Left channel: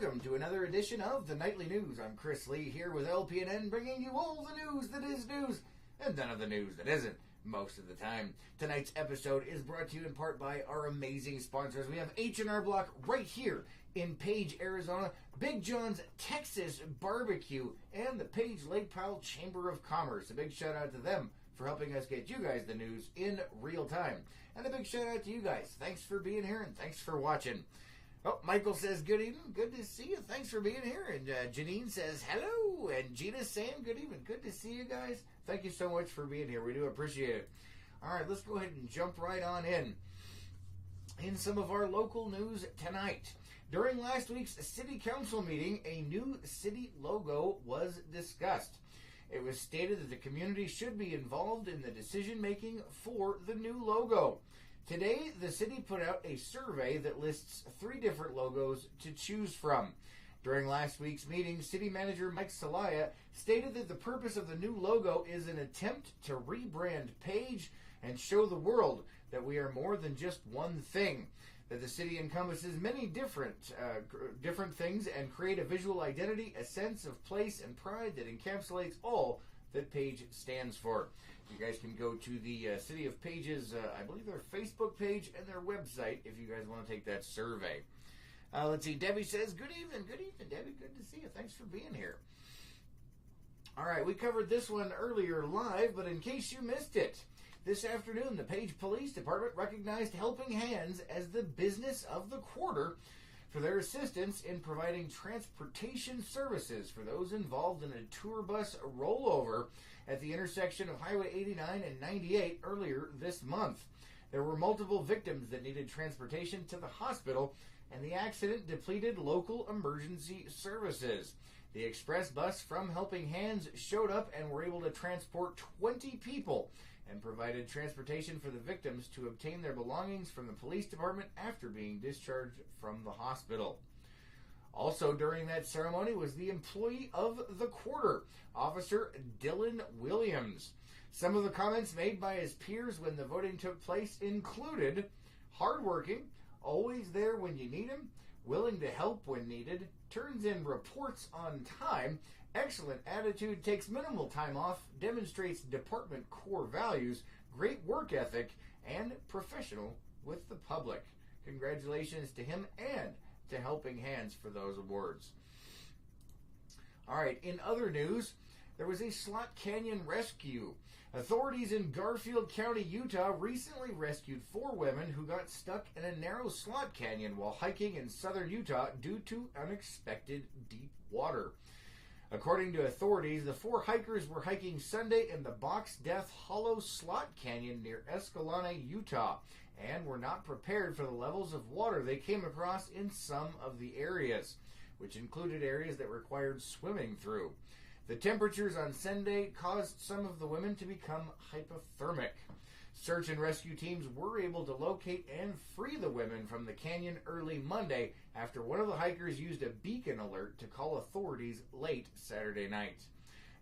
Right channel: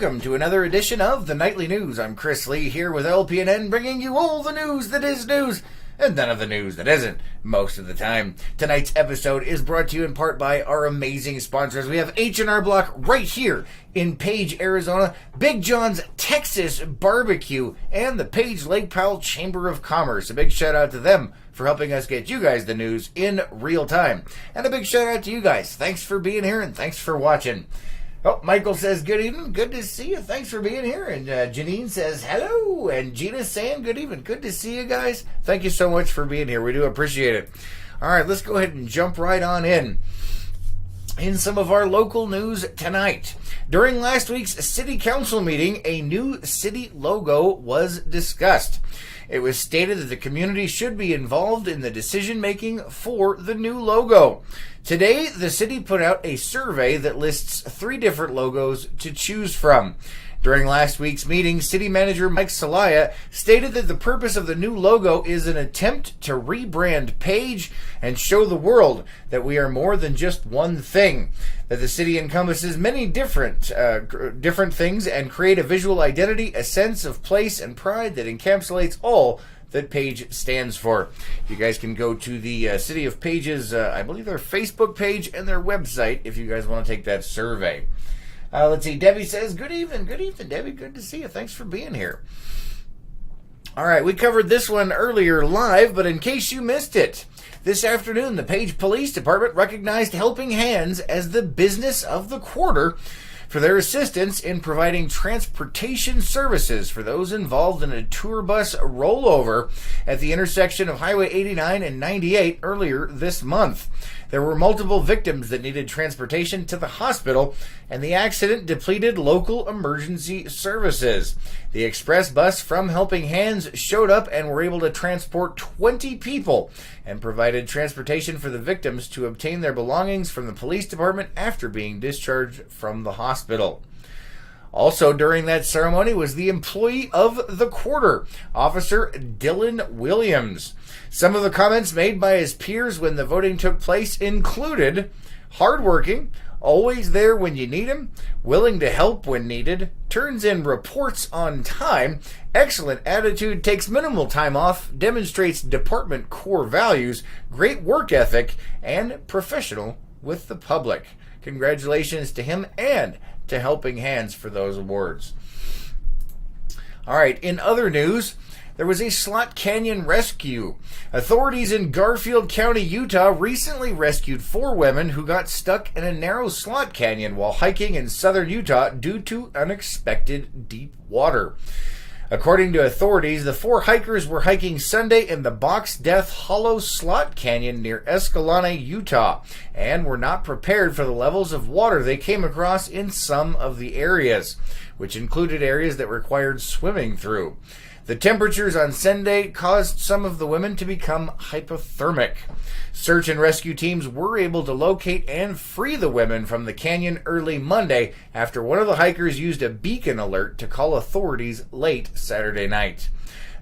welcome to another edition of the Nightly News. I'm Chris Lee here with LPNN, bringing you all the news that is news and none of the news that isn't most of the time. Tonight's episode is brought to you in part by our amazing sponsors. We have H&R Block right here in Page, Arizona, Big John's Texas Barbecue, and the Page Lake Powell Chamber of Commerce. A big shout out to them for helping us get you guys the news in real time. And a big shout out to you guys. Thanks for being here and thanks for watching. Oh, Michael says, good evening. Good to see you. Thanks for being here. And Janine says, hello. And Gina's saying, good evening. Good to see you guys. Thank you so much for being here. We do appreciate it. All right, let's go ahead and jump right on in some of our local news tonight. During last week's city council meeting, a new city logo was discussed. It was stated that the community should be involved in the decision-making for the new logo. Today, the city put out a survey that lists 3 different logos to choose from. During last week's meeting, City Manager Mike Salaya stated that the purpose of the new logo is an attempt to rebrand Page and show the world that we are more than just one thing, that the city encompasses many different things and create a visual identity, a sense of place and pride that encapsulates all that Page stands for. You guys can go to the City of Page's, I believe their Facebook page and their website if you guys want to take that survey. Let's see, Debbie says, good evening, Debbie, good to see you. Thanks for being here. All right, we covered this one earlier live, but in case you missed it, this afternoon, the Page Police Department recognized Helping Hands as the business of the quarter for their assistance in providing transportation services for those involved in a tour bus rollover at the intersection of Highway 89 and 98 earlier this month. There were multiple victims that needed transportation to the hospital, and the accident depleted local emergency services. The express bus from Helping Hands showed up and were able to transport 20 people and provided transportation for the victims to obtain their belongings from the police department after being discharged from the hospital. Also during that ceremony was the employee of the quarter, Officer Dylan Williams. Some of the comments made by his peers when the voting took place included hardworking, always there when you need him, willing to help when needed, turns in reports on time, excellent attitude, takes minimal time off, demonstrates department core values, great work ethic, and professional with the public. Congratulations to him and to Helping Hands for those awards. All right, in other news, there was a slot canyon rescue. Authorities in Garfield County, Utah recently rescued 4 women who got stuck in a narrow slot canyon while hiking in southern Utah due to unexpected deep water. According to authorities, the 4 hikers were hiking Sunday in the Box Death Hollow Slot Canyon near Escalante, Utah, and were not prepared for the levels of water they came across in some of the areas, which included areas that required swimming through. The temperatures on Sunday caused some of the women to become hypothermic. Search and rescue teams were able to locate and free the women from the canyon early Monday after one of the hikers used a beacon alert to call authorities late Saturday night.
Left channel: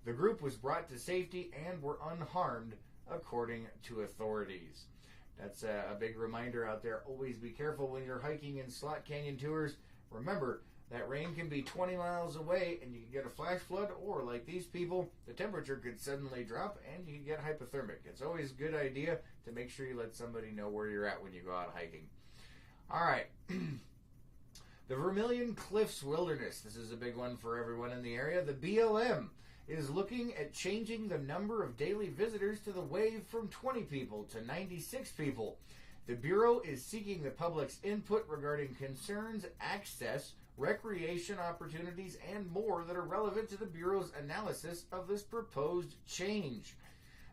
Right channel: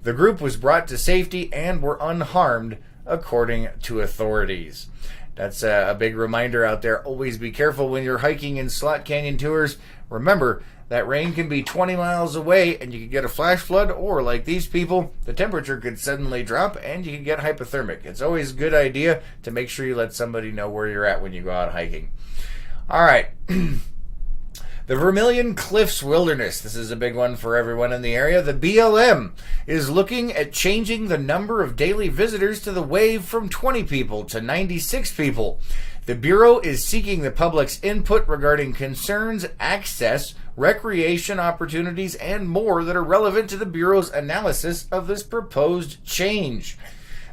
The group was brought to safety and were unharmed, according to authorities. That's a big reminder out there. Always be careful when you're hiking in slot canyon tours. Remember, that rain can be 20 miles away and you could get a flash flood, or like these people, the temperature could suddenly drop and you could get hypothermic. It's always a good idea to make sure you let somebody know where you're at when you go out hiking. All right. The Vermilion Cliffs Wilderness. This is a big one for everyone in the area. The BLM is looking at changing the number of daily visitors to the wave from 20 people to 96 people. The Bureau is seeking the public's input regarding concerns, access, recreation opportunities, and more that are relevant to the Bureau's analysis of this proposed change.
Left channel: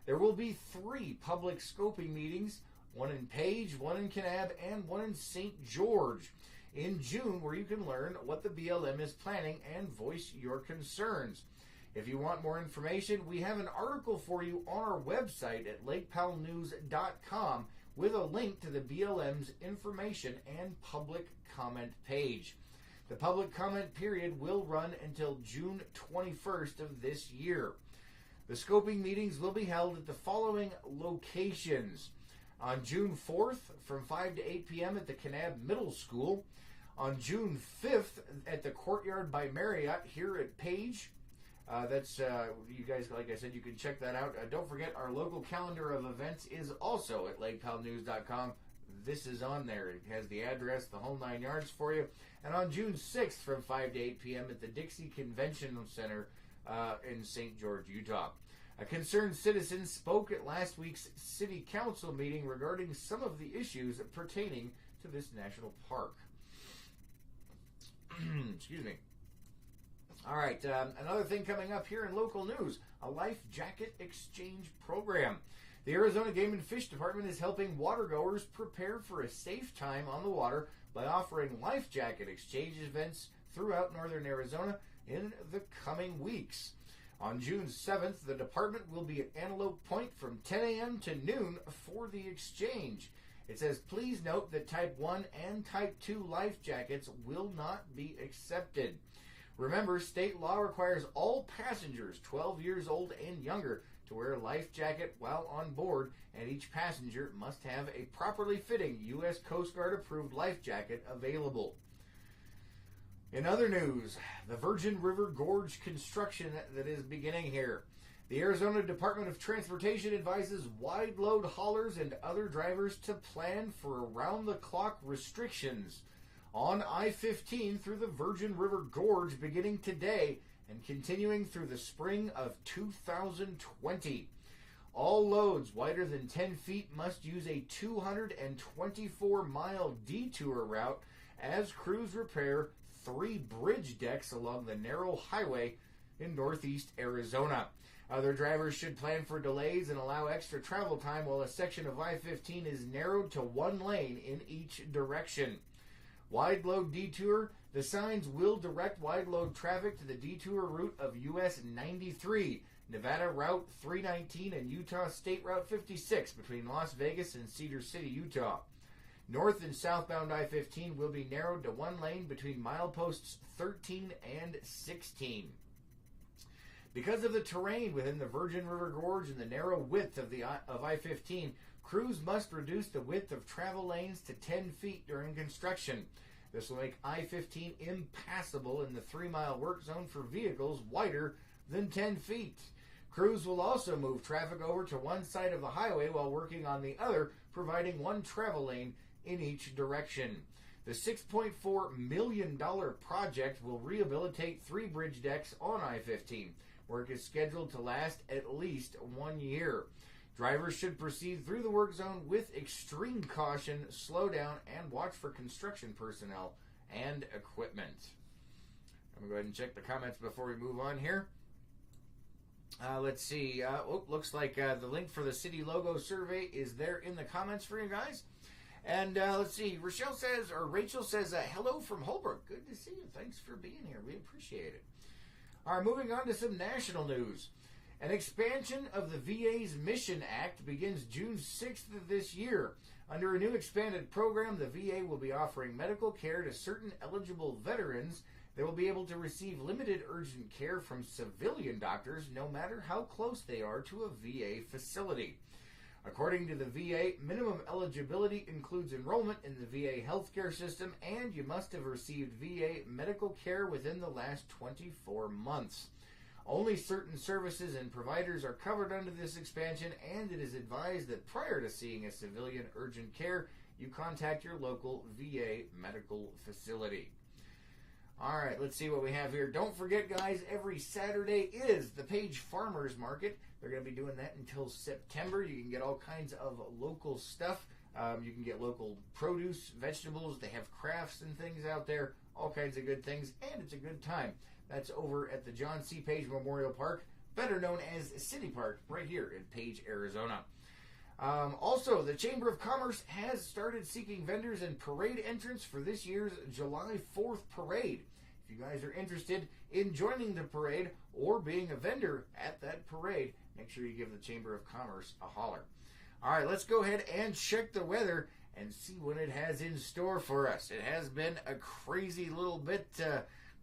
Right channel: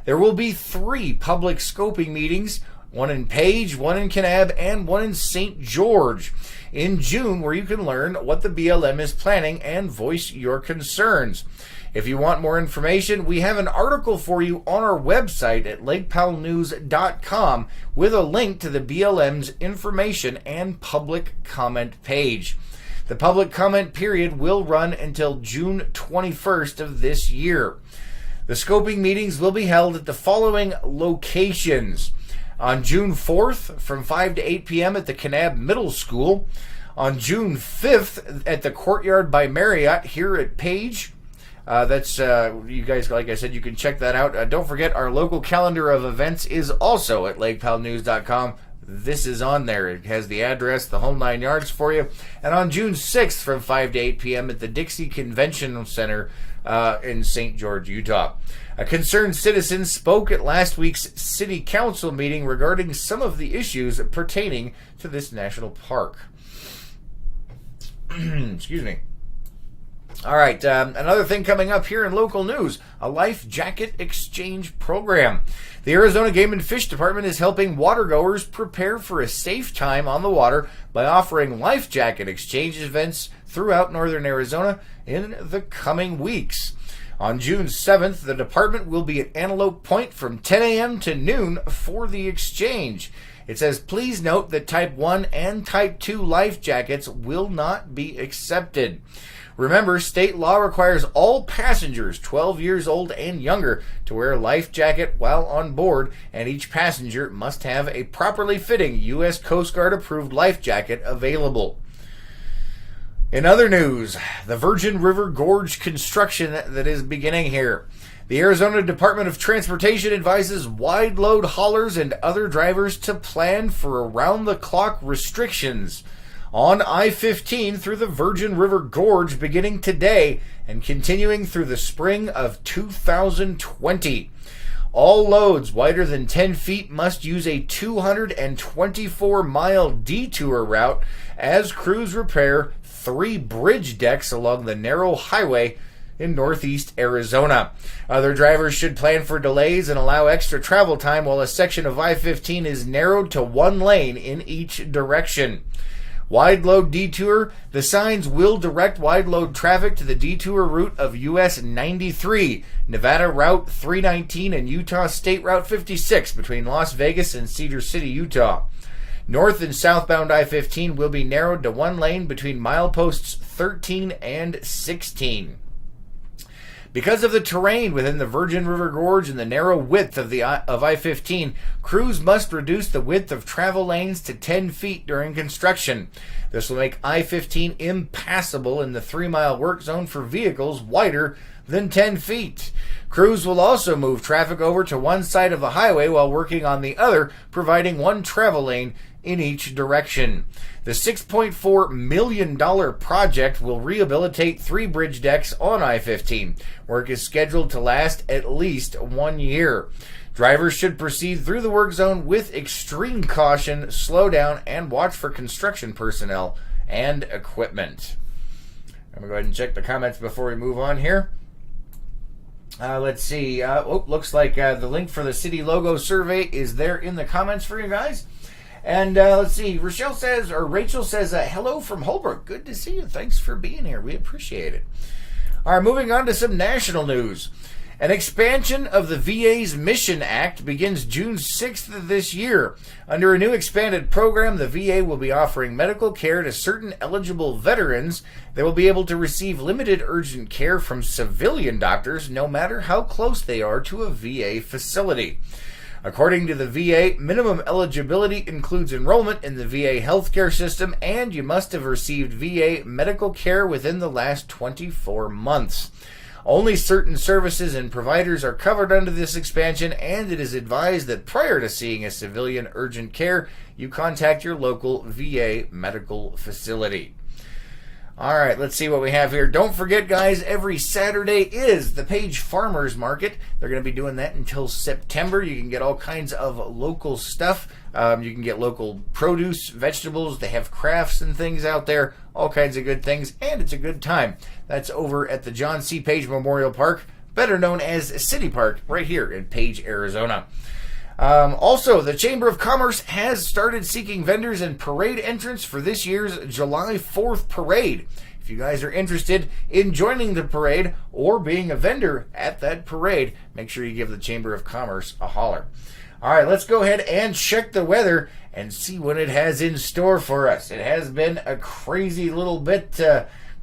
There will be 3 public scoping meetings, one in Page, one in Kanab, and one in St. George in June, where you can learn what the BLM is planning and voice your concerns. If you want more information, we have an article for you on our website at lakepowellnews.com with a link to the BLM's information and public comment page. The public comment period will run until June 21st of this year. The scoping meetings will be held at the following locations. On June 4th from 5 to 8 p.m. at the Kanab Middle School. On June 5th at the Courtyard by Marriott here at Page. That's you guys, like I said, you can check that out. Don't forget, our local calendar of events is also at lakepowellnews.com. This is on there. It has the address, the whole 9 yards for you. And on June 6th from 5 to 8 p.m. at the Dixie Convention Center in St. George, Utah. A concerned citizen spoke at last week's city council meeting regarding some of the issues pertaining to this national park. Excuse me. All right, another thing coming up here in local news, a life jacket exchange program. The Arizona Game and Fish Department is helping watergoers prepare for a safe time on the water by offering life jacket exchange events throughout northern Arizona in the coming weeks. On June 7th, the department will be at Antelope Point from 10 a.m. to noon for the exchange. It says, please note that Type 1 and Type 2 life jackets will not be accepted. Remember, state law requires all passengers 12 years old and younger to wear a life jacket while on board, and each passenger must have a properly fitting U.S. Coast Guard approved life jacket available. In other news, the Virgin River Gorge construction that is beginning here. The Arizona Department of Transportation advises wide load haulers and other drivers to plan for around-the-clock restrictions on I-15 through the Virgin River Gorge beginning today and continuing through the spring of 2020. All loads wider than 10 feet must use a 224-mile detour route as crews repair 3 bridge decks along the narrow highway in northeast Arizona. Other drivers should plan for delays and allow extra travel time while a section of I-15 is narrowed to 1 lane in each direction. Wide load detour. The signs will direct wide load traffic to the detour route of US 93, Nevada Route 319, and Utah State Route 56 between Las Vegas and Cedar City, Utah. North and southbound I-15 will be narrowed to 1 lane between mileposts 13 and 16. Because of the terrain within the Virgin River Gorge and the narrow width of I-15, crews must reduce the width of travel lanes to 10 feet during construction. This will make I-15 impassable in the 3-mile work zone for vehicles wider than 10 feet. Crews will also move traffic over to one side of the highway while working on the other, providing 1 travel lane in each direction. The $6.4 million project will rehabilitate 3 bridge decks on I-15. Work is scheduled to last at least 1 year. Drivers should proceed through the work zone with extreme caution, slow down, and watch for construction personnel and equipment. I'm going to go ahead and check the comments before we move on here. Let's see. Looks like the link for the city logo survey is there in the comments for you guys. And let's see, Rachel says, hello from Holbrook. Good to see you. Thanks for being here. We appreciate it. All right, moving on to some national news. An expansion of the VA's Mission Act begins June 6th of this year. Under a new expanded program, the VA will be offering medical care to certain eligible veterans. They will be able to receive limited urgent care from civilian doctors, no matter how close they are to a VA facility. According to the VA, minimum eligibility includes enrollment in the VA healthcare system, and you must have received VA medical care within the last 24 months. Only certain services and providers are covered under this expansion, and it is advised that prior to seeing a civilian urgent care, you contact your local VA medical facility. All right, let's see what we have here. Don't forget, guys, every Saturday is the Page Farmers Market. They're going to be doing that until September. You can get all kinds of local stuff. You can get local produce, vegetables. They have crafts and things out there, all kinds of good things, and it's a good time. That's over at the John C. Page Memorial Park, better known as City Park, right here in Page, Arizona. Also, the Chamber of Commerce has started seeking vendors and parade entrants for this year's July 4th parade. If you guys are interested in joining the parade or being a vendor at that parade, make sure you give the Chamber of Commerce a holler. All right, let's go ahead and check the weather and see what it has in store for us. It has been a crazy little bit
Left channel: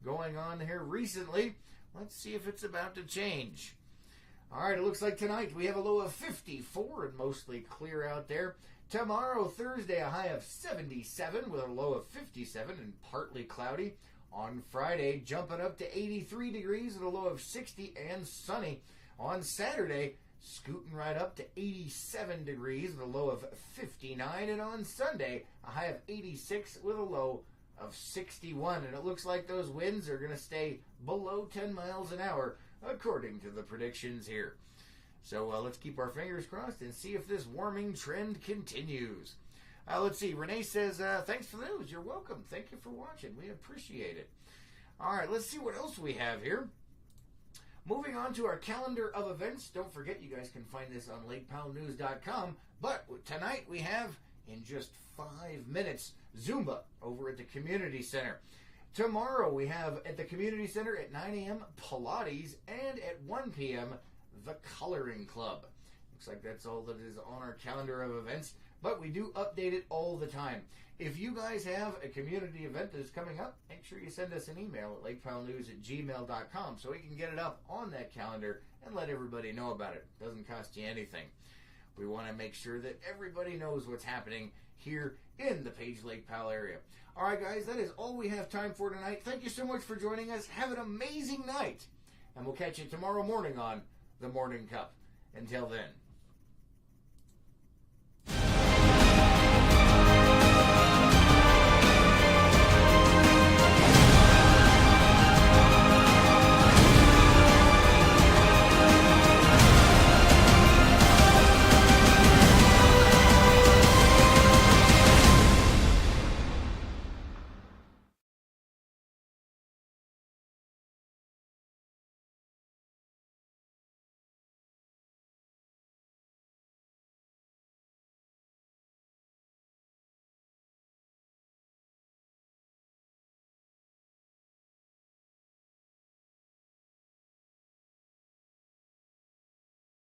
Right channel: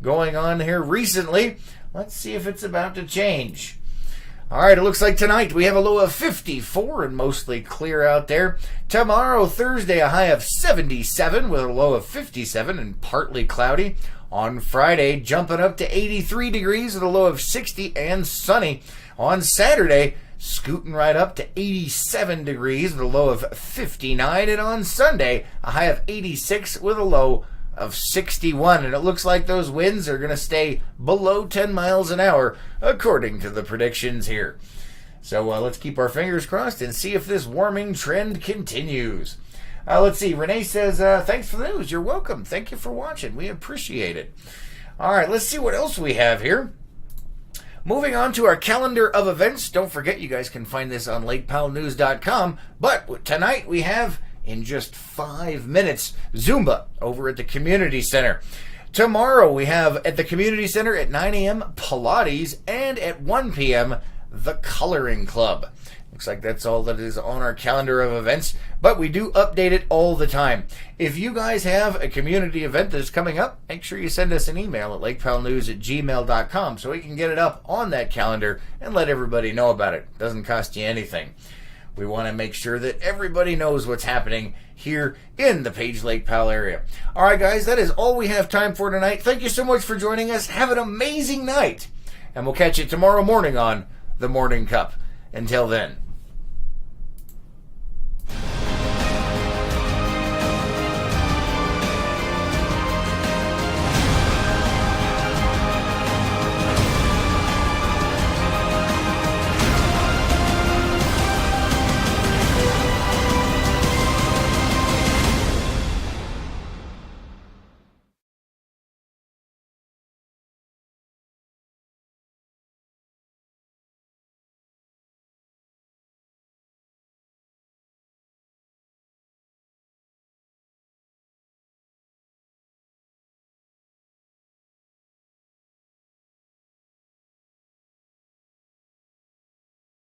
going on here recently. Let's see if it's about to change. All right, it looks like tonight we have a low of 54 and mostly clear out there. Tomorrow, Thursday, a high of 77 with a low of 57 and partly cloudy. On Friday, jumping up to 83 degrees with a low of 60 and sunny. On Saturday, scooting right up to 87 degrees with a low of 59. And on Sunday, a high of 86 with a low of 61. And it looks like those winds are going to stay below 10 miles an hour, according to the predictions here. So let's keep our fingers crossed and see if this warming trend continues. Let's see. Renee says, thanks for the news. You're welcome. Thank you for watching. We appreciate it. All right, let's see what else we have here. Moving on to our calendar of events. Don't forget, you guys can find this on LakePowellNews.com. But tonight we have, in just 5 minutes, Zumba over at the Community Center. Tomorrow we have at the Community Center at 9 a.m. Pilates, and at 1 p.m. the Coloring Club. Looks like that's all that is on our calendar of events, but we do update it all the time. If you guys have a community event that's coming up, make sure you send us an email at lakepowellnews@gmail.com so we can get it up on that calendar and let everybody know about it. Doesn't cost you anything. We want to make sure that everybody knows what's happening here in the Page Lake Powell area. All right, guys, that is all we have time for tonight. Thank you so much for joining us. Have an amazing night, and we'll catch you tomorrow morning on The Morning Cup. Until then.